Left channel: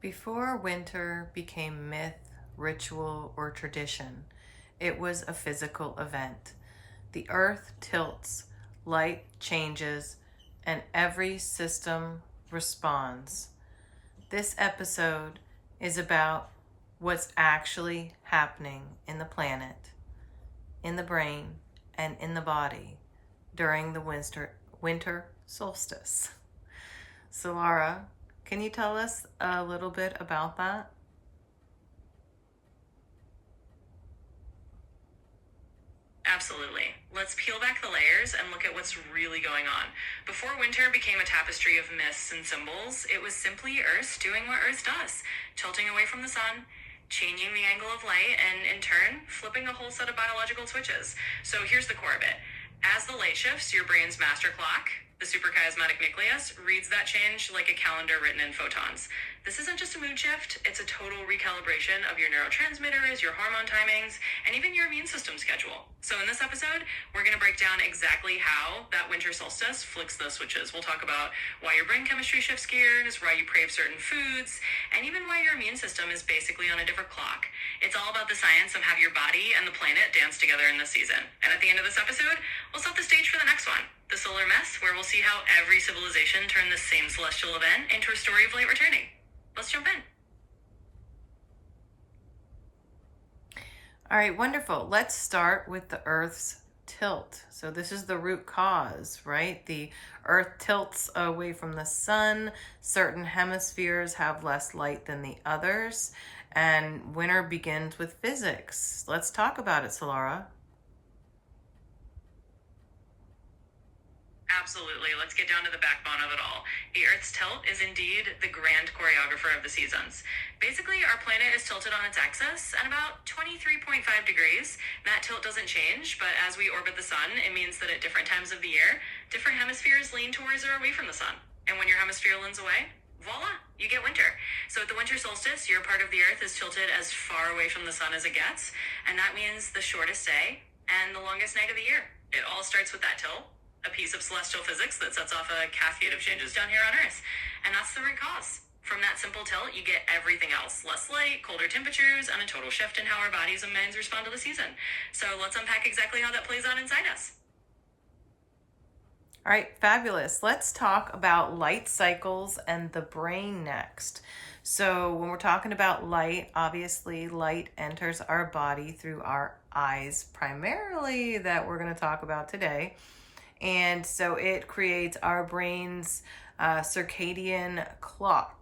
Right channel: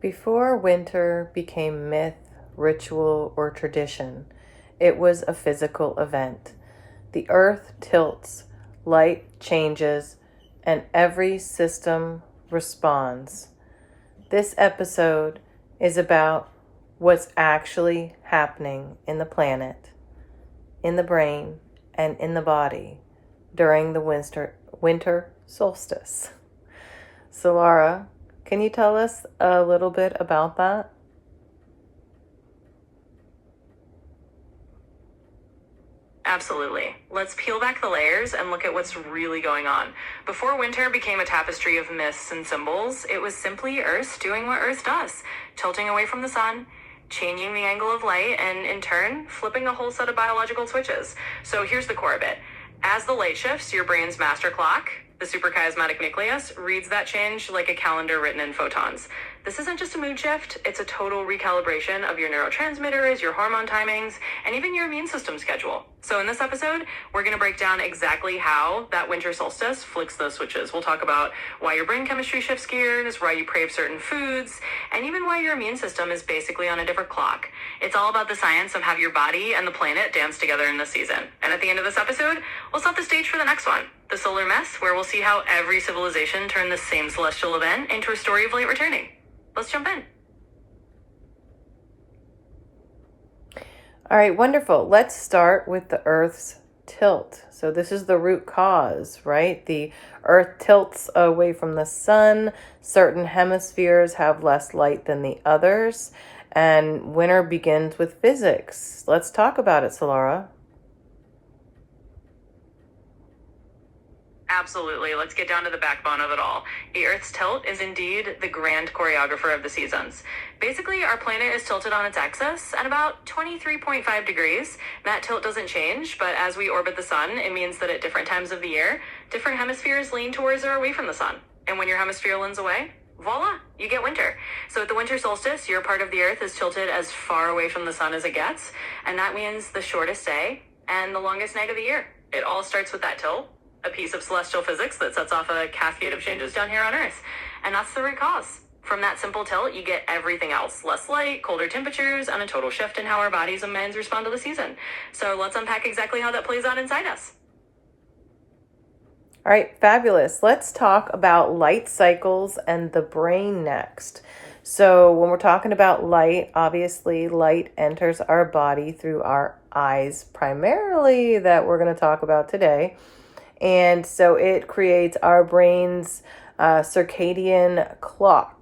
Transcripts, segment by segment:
Before winter became myth, ritual, or tradition, it was a physical event. The earth tilts, light changes, and every system responds. This episode is about what's actually happening in the planet, in the brain, and in the body during the winter solstice. Solara, can you tell us a little bit about that? Absolutely. Let's peel back the layers and look at what's really going on. Before winter became a tapestry of myths and symbols, it was simply Earth doing what Earth does, tilting away from the sun, changing the angle of light, and in turn, flipping a whole set of biological switches. So here's the core of it. As the light shifts, your brain's master clock, the suprachiasmatic nucleus, reads that change like a calendar written in photons. This isn't just a mood shift, it's a total recalibration of your neurotransmitters, your hormone timings, and even your immune system schedule. So in this episode, we're going to break down exactly how that winter solstice flicks those switches. We'll talk about why your brain chemistry shifts gears, why you crave certain foods, and even why your immune system is basically on a different clock. It's all about the science of how your body and the planet dance together in this season. And at the end of this episode, we'll set the stage for the next one, the solar mess, where we'll see how every civilization turned the same celestial event into a story of light returning. Let's jump in. All right, wonderful. Let's start with the Earth's tilt. So this is the root cause, right? The Earth tilts away from the sun. Certain hemispheres have less light than the others. And winter begins with physics. Let's talk about it, Solara. Absolutely. Let's get down to the backbone of it all. The Earth's tilt is indeed the grand choreographer of the seasons. Basically, our planet is tilted on its axis at about 23.5 degrees. That tilt doesn't change, but as we orbit the sun, it means that at different times of the year, different hemispheres lean towards or away from the sun. And when your hemisphere leans away, voila, you get winter. So at the winter solstice, your part of the Earth is tilted as far away from the sun as it gets, and that means the shortest day and the longest night of the year. It all starts with that tilt, a piece of celestial physics that sets off a cascade of changes down here on Earth. And that's the root cause. From that simple tilt, you get everything else. Less light, colder temperatures, and a total shift in how our bodies and minds respond to the season. So let's unpack exactly how that plays out inside us. All right, fabulous. Let's talk about light cycles and the brain next. So when we're talking about light, obviously light enters our body through our eyes primarily, that we're going to talk about today. And so it creates our brain's circadian clock.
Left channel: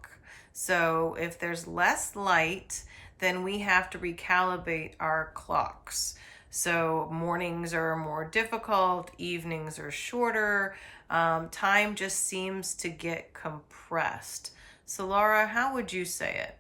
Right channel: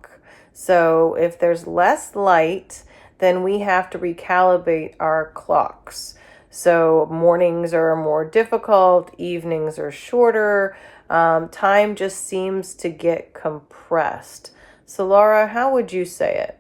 So if there's less light, then we have to recalibrate our clocks. So mornings are more difficult, evenings are shorter, time just seems to get compressed. So Laura, how would you say it?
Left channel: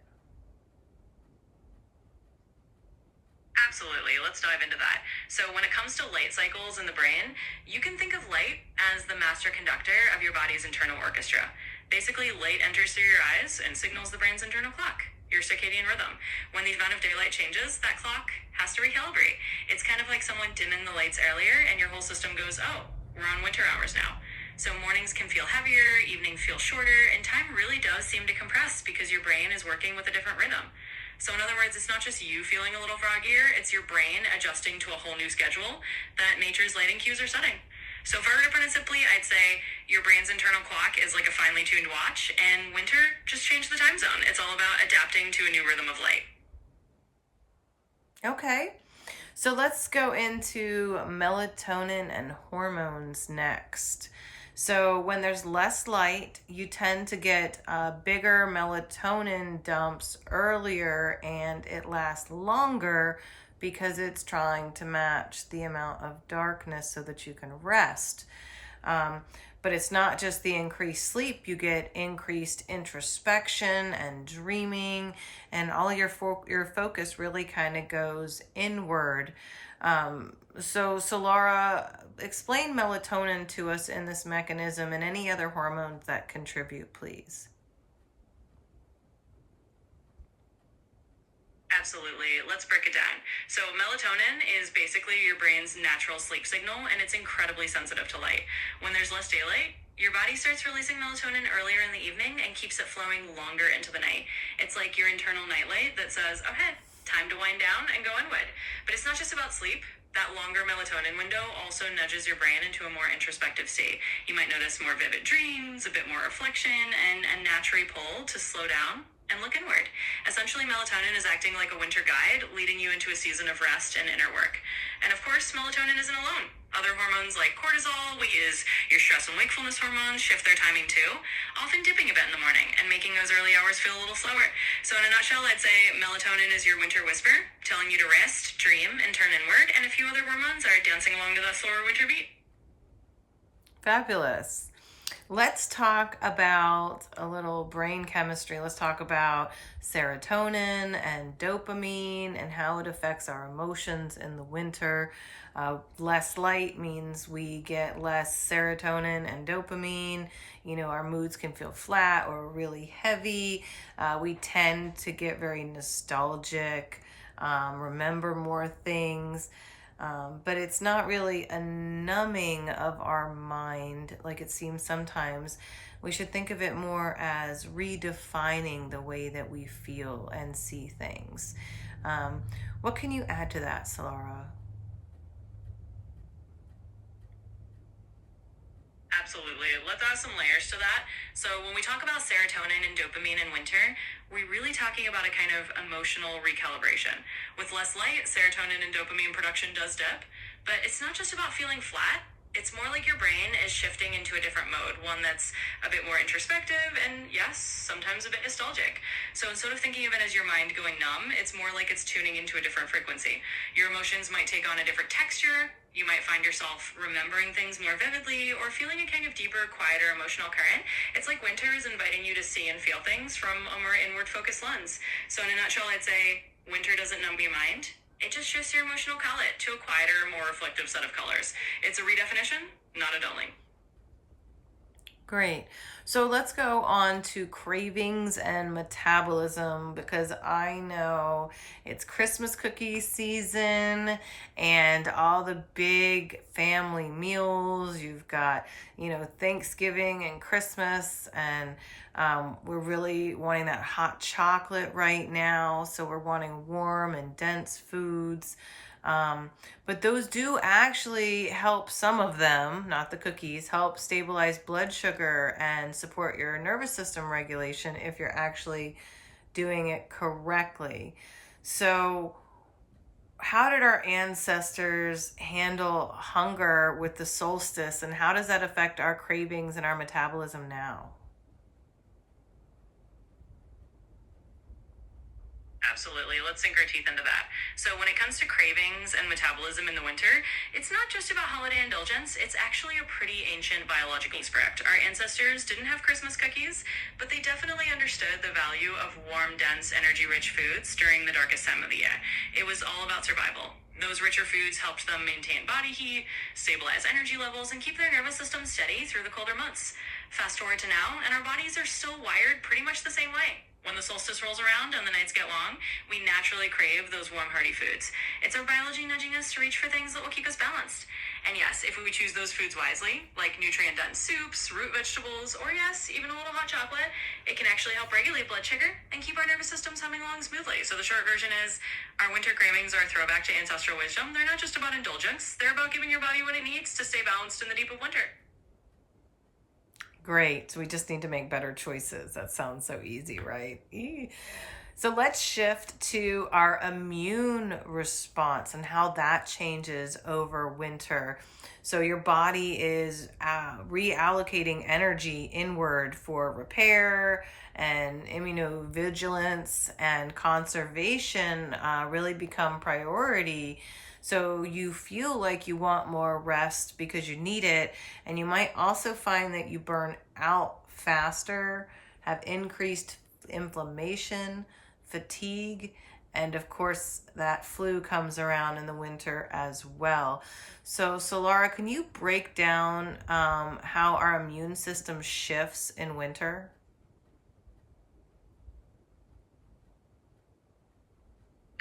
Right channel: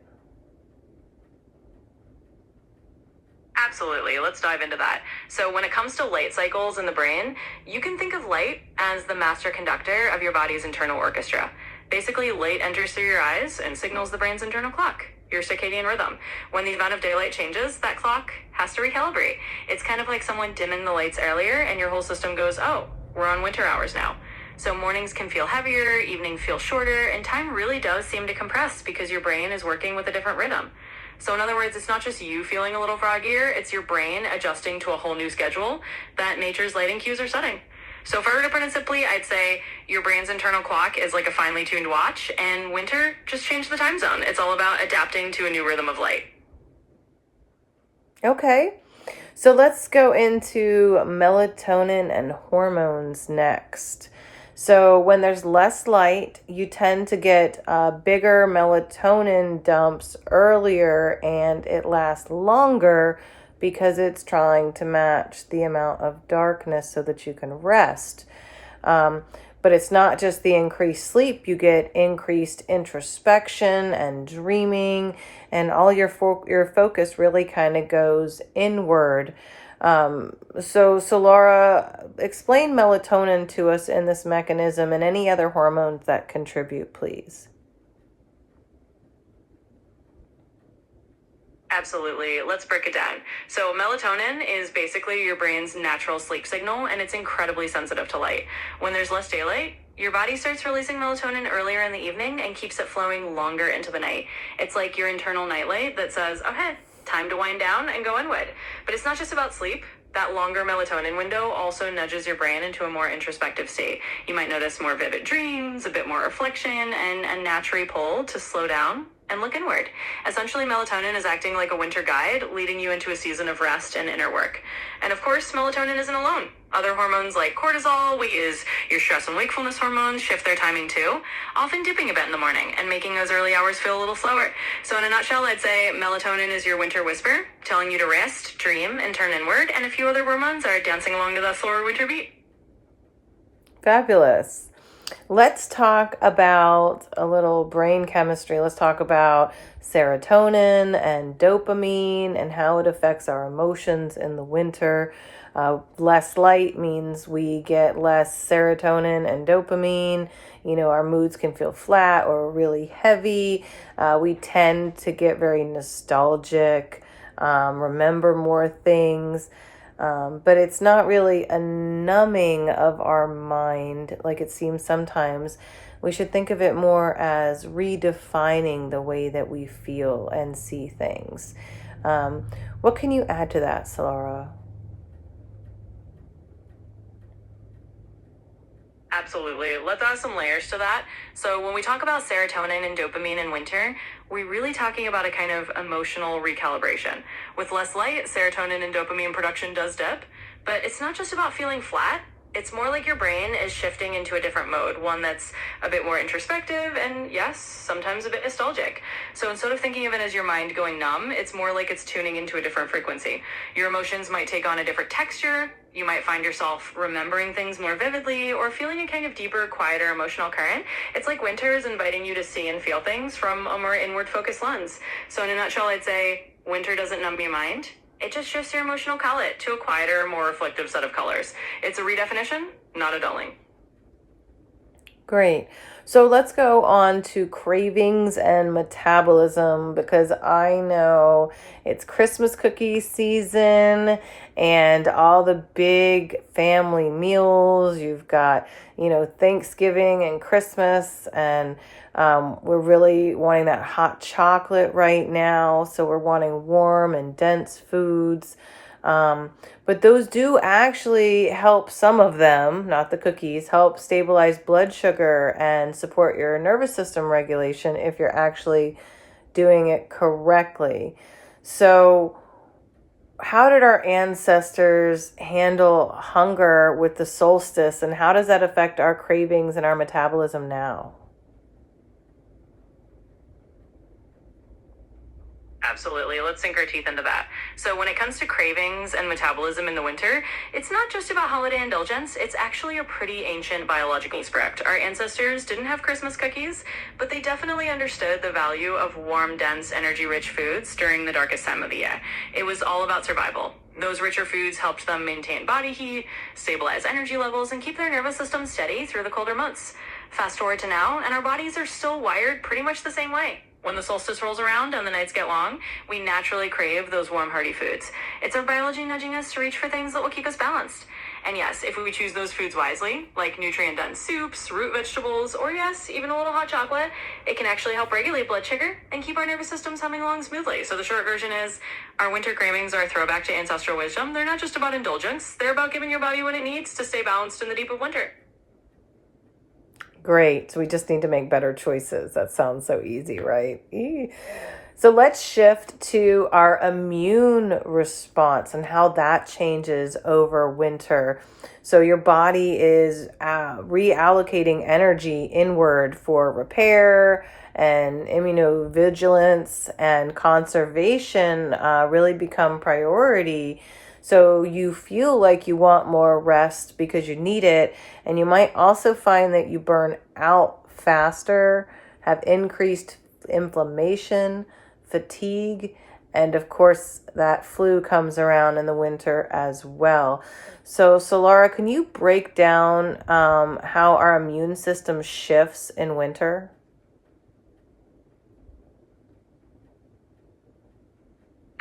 Absolutely. Let's dive into that. So when it comes to light cycles in the brain, you can think of light as the master conductor of your body's internal orchestra. Basically, light enters through your eyes and signals the brain's internal clock, your circadian rhythm. When the amount of daylight changes, that clock has to recalibrate. It's kind of like someone dimming the lights earlier and your whole system goes, oh, we're on winter hours now. So mornings can feel heavier, evenings feel shorter, and time really does seem to compress because your brain is working with a different rhythm. So in other words, it's not just you feeling a little froggier, it's your brain adjusting to a whole new schedule that nature's lighting cues are setting. So if I were to put it simply, I'd say your brain's internal clock is like a finely tuned watch, and winter just changed the time zone. It's all about adapting to a new rhythm of light. Okay, so let's go into melatonin and hormones next. So when there's less light, you tend to get bigger melatonin dumps earlier, and it lasts longer because it's trying to match the amount of darkness so that you can rest. But it's not just the increased sleep. You get increased introspection and dreaming, and all your focus really kind of goes inward. So Laura, explain melatonin to us in this mechanism and any other hormones that contribute, please. Absolutely. Let's break it down. So, melatonin is basically your brain's natural sleep signal, and it's incredibly sensitive to light. When there's less daylight, your body starts releasing melatonin earlier in the evening and keeps it flowing longer into the night. It's like your internal nightlight that says, okay, time to wind down and go inward. But it's not just about sleep. That longer melatonin window also nudges your brain into a more introspective state. You might notice more vivid dreams, a bit more reflection, and a natural pull to slow down and look inward. Essentially, melatonin is acting like a winter guide, leading you into a season of rest and inner work. And of course, melatonin isn't alone. Other hormones like cortisol, which is your stress and wakefulness hormones, shift their timing too, often dipping a bit in the morning and making those early hours feel a little slower. So in a nutshell, I'd say melatonin is your winter whisper, telling you to rest, dream, and turn inward, and a few other hormones are dancing along to that slower winter beat. Fabulous. Let's talk about a little brain chemistry. Let's talk about serotonin and dopamine and how it affects our emotions in the winter. Less light means we get less serotonin and dopamine. You know, our moods can feel flat or really heavy. We tend to get very nostalgic, remember more things. But it's not really a numbing of our mind like it seems sometimes. We should think of it more as redefining the way that we feel and see things. What can you add to that, Solara? Absolutely. Let's add some layers to that. So, when we talk about serotonin and dopamine in winter, we're really talking about a kind of emotional recalibration. With less light, serotonin and dopamine production does dip, but it's not just about feeling flat. It's more like your brain is shifting into a different mode, one that's a bit more introspective and, yes, sometimes a bit nostalgic. So instead of thinking of it as your mind going numb, it's more like it's tuning into a different frequency. Your emotions might take on a different texture. You might find yourself remembering things more vividly or feeling a kind of deeper, quieter emotional current. It's like winter is inviting you to see and feel things from a more inward focused lens. So in a nutshell, I'd say winter doesn't numb your mind. It just shifts your emotional palette to a quieter, more reflective set of colors. It's a redefinition, not a dulling. Great. So let's go on to cravings and metabolism because I know it's Christmas cookie season and all the big family meals. You've got, Thanksgiving and Christmas, and we're really wanting that hot chocolate right now. So we're wanting warm and dense foods. But those do actually help, some of them, not the cookies, help stabilize blood sugar and support your nervous system regulation if you're actually doing it correctly. So, how did our ancestors handle hunger with the solstice, and how does that affect our cravings and our metabolism now? Absolutely. Let's sink our teeth into that. So when it comes to cravings and metabolism in the winter, it's not just about holiday indulgence. It's actually a pretty ancient biological script. Our ancestors didn't have Christmas cookies, but they definitely understood the value of warm, dense, energy-rich foods during the darkest time of the year. It was all about survival. Those richer foods helped them maintain body heat, stabilize energy levels, and keep their nervous system steady through the colder months. Fast forward to now, and our bodies are still wired pretty much the same way. When the solstice rolls around and the nights get long, we naturally crave those warm, hearty foods. It's our biology nudging us to reach for things that will keep us balanced. And yes, if we choose those foods wisely, like nutrient-dense soups, root vegetables, or yes, even a little hot chocolate, it can actually help regulate blood sugar and keep our nervous systems humming along smoothly. So the short version is, our winter cravings are a throwback to ancestral wisdom. They're not just about indulgence. They're about giving your body what it needs to stay balanced in the deep of winter. Great. So we just need to make better choices. That sounds so easy, right? So let's shift to our immune response and how that changes over winter. So your body is reallocating energy inward for repair, and immunovigilance and conservation really become priority. So you feel like you want more rest because you need it. And you might also find that you burn out faster, have increased inflammation, fatigue, and of course that flu comes around in the winter as well. So Solara, can you break down how our immune system shifts in winter?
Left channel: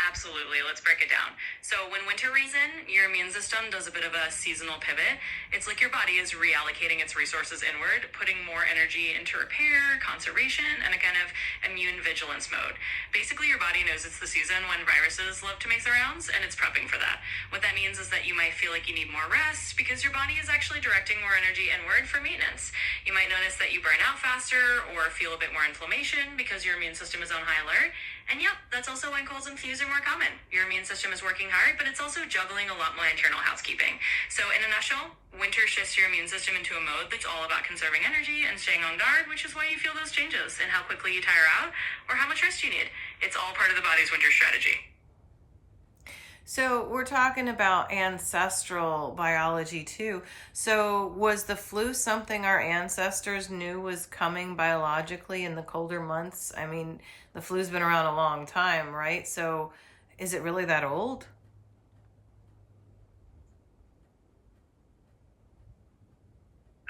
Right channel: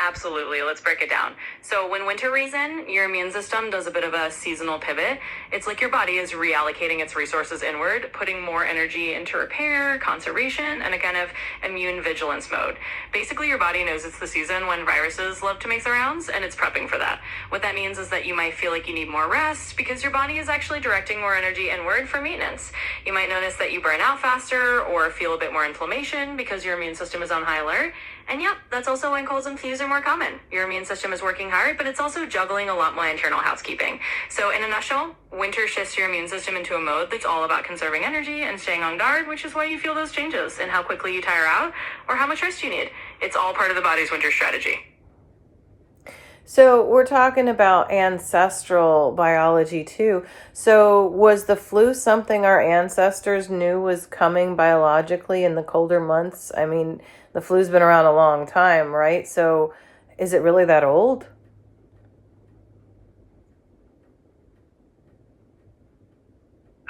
Absolutely. Let's break it down. So when winter rolls in, your immune system does a bit of a seasonal pivot. It's like your body is reallocating its resources inward, putting more energy into repair, conservation, and a kind of immune vigilance mode. Basically, your body knows it's the season when viruses love to make the rounds, and it's prepping for that. What that means is that you might feel like you need more rest because your body is actually directing more energy inward for maintenance. You might notice that you burn out faster or feel a bit more inflammation because your immune system is on high alert. And yep, that's also when colds and flus are more common. Your immune system is working hard, but it's also juggling a lot more internal housekeeping. So in a nutshell, winter shifts your immune system into a mode that's all about conserving energy and staying on guard, which is why you feel those changes in how quickly you tire out or how much rest you need. It's all part of the body's winter strategy. So we're talking about ancestral biology too. So was the flu something our ancestors knew was coming biologically in the colder months? I mean, the flu's been around a long time, right? So is it really that old?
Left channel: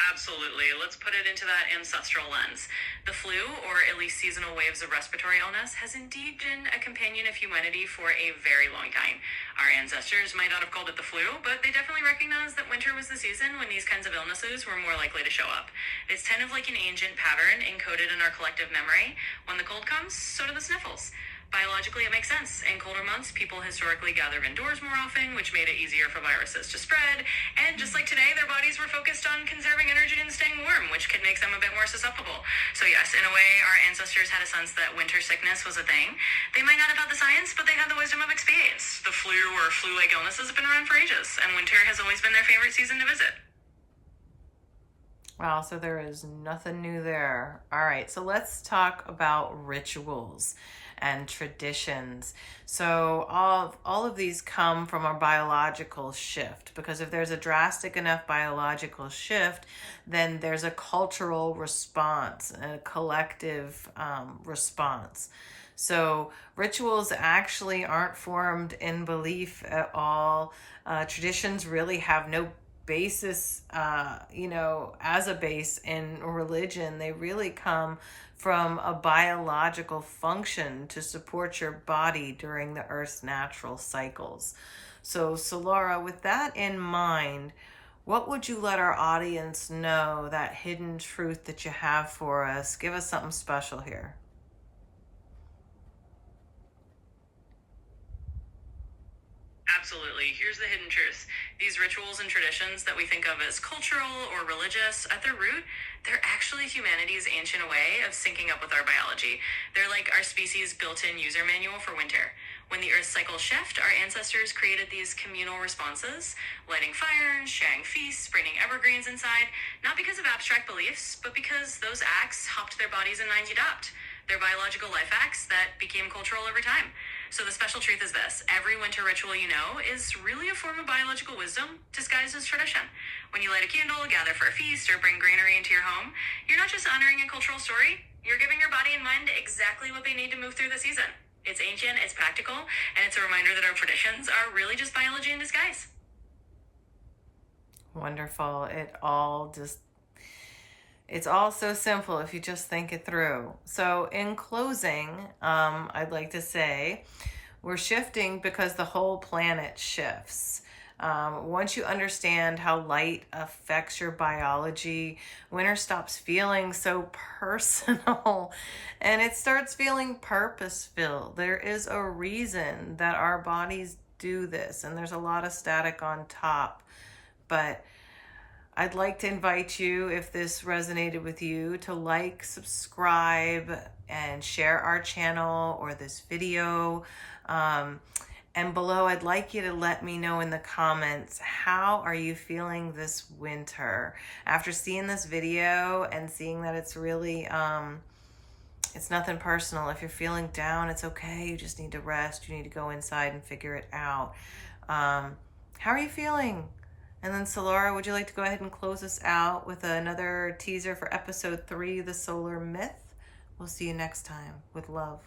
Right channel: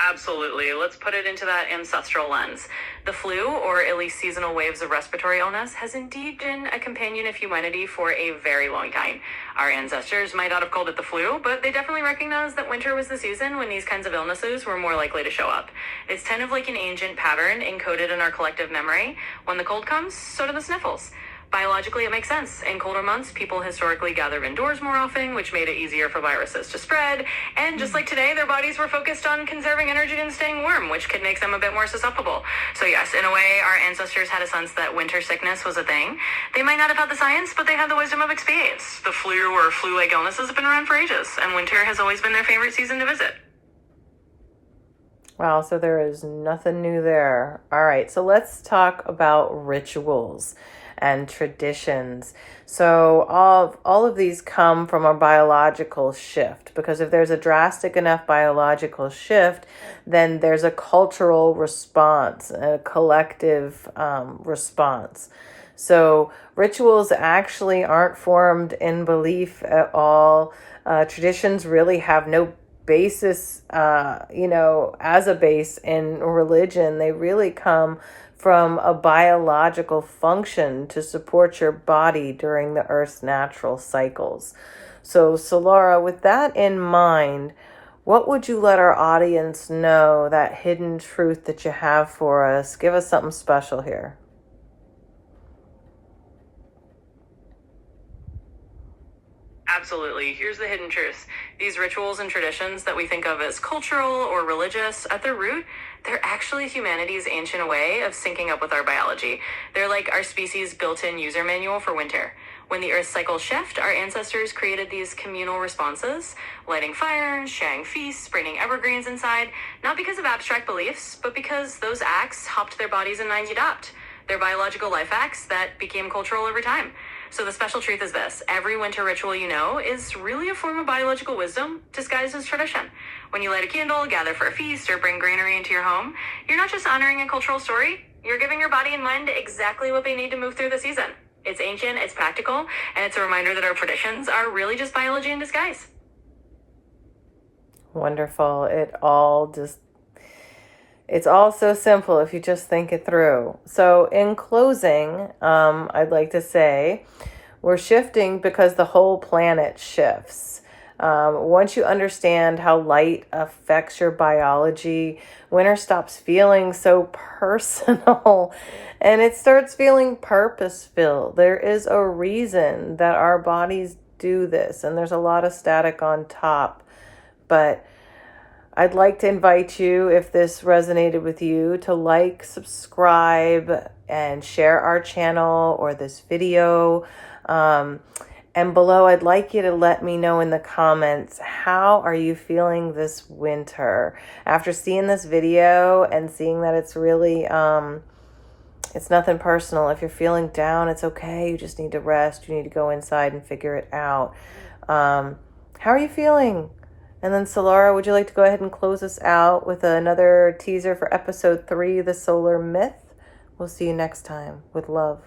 Absolutely. Let's put it into that ancestral lens. The flu, or at least seasonal waves of respiratory illness, has indeed been a companion of humanity for a very long time. Our ancestors might not have called it the flu, but they definitely recognized that winter was the season when these kinds of illnesses were more likely to show up. It's kind of like an ancient pattern encoded in our collective memory. When the cold comes, so do the sniffles. Biologically, it makes sense. In colder months, people historically gathered indoors more often, which made it easier for viruses to spread. And just like today, their bodies were focused on conserving energy and staying warm, which could make them a bit more susceptible. So yes, in a way, our ancestors had a sense that winter sickness was a thing. They might not have had the science, but they had the wisdom of experience. The flu or flu-like illnesses have been around for ages, and winter has always been their favorite season to visit. Wow, so there is nothing new there. All right, so let's talk about rituals and traditions. So all of these come from a biological shift, because if there's a drastic enough biological shift, then there's a cultural response, a collective response. So rituals actually aren't formed in belief at all. Traditions really have no basis, as a base in religion. They really come from a biological function to support your body during the Earth's natural cycles. So, Solara, with that in mind, what would you let our audience know, that hidden truth that you have for us? Give us something special here. Absolutely. Here's the hidden truth. These rituals and traditions that we think of as cultural or religious, at their root, they're actually humanity's ancient way of syncing up with our biology. They're like our species' built-in user manual for winter. When the Earth's cycles shift, our ancestors created these communal responses, lighting fires, sharing feasts, sprinkling evergreens inside, not because of abstract beliefs, but because those acts helped their bodies and minds adapt. They're biological life acts that became cultural over time. So the special truth is this: every winter ritual you know is really a form of biological wisdom disguised as tradition. When you light a candle, gather for a feast, or bring granary into your home, you're not just honoring a cultural story, you're giving your body and mind exactly what they need to move through the season. It's ancient, it's practical, and it's a reminder that our traditions are really just biology in disguise. Wonderful. It's all so simple if you just think it through. So in closing, I'd like to say we're shifting because the whole planet shifts. Once you understand how light affects your biology, winter stops feeling so personal and it starts feeling purpose-filled. There is a reason that our bodies do this, and there's a lot of static on top, but I'd like to invite you, if this resonated with you, to like, subscribe, and share our channel or this video. And below, I'd like you to let me know in the comments, how are you feeling this winter? After seeing this video and seeing that it's really, it's nothing personal. If you're feeling down, it's okay. You just need to rest. You need to go inside and figure it out. How are you feeling? And then Solara, would you like to go ahead and close us out with another teaser for episode 3, The Solar Myth? We'll see you next time. With love.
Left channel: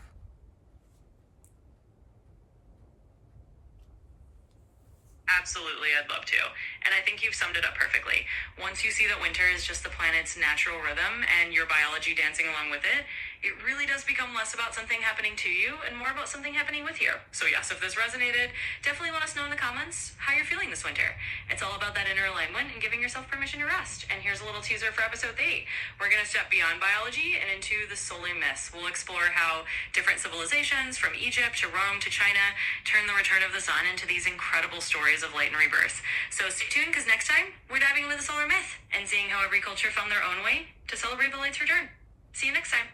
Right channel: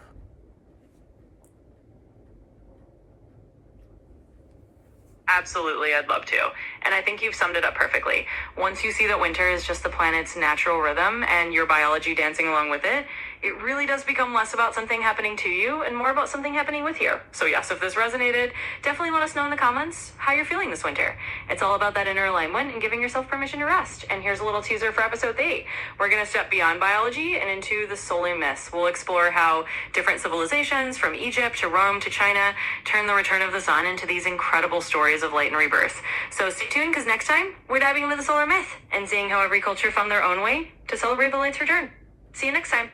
Absolutely, I'd love to. And I think you've summed it up perfectly. Once you see that winter is just the planet's natural rhythm and your biology dancing along with it, it really does become less about something happening to you and more about something happening with you. So yes, if this resonated, definitely let us know in the comments how you're feeling this winter. It's all about that inner alignment and giving yourself permission to rest. And here's a little teaser for episode 8. We're going to step beyond biology and into the solar myths. We'll explore how different civilizations, from Egypt to Rome to China, turn the return of the sun into these incredible stories of light and rebirth. So stay tuned, because next time we're diving into the solar myth and seeing how every culture found their own way to celebrate the light's return. See you next time.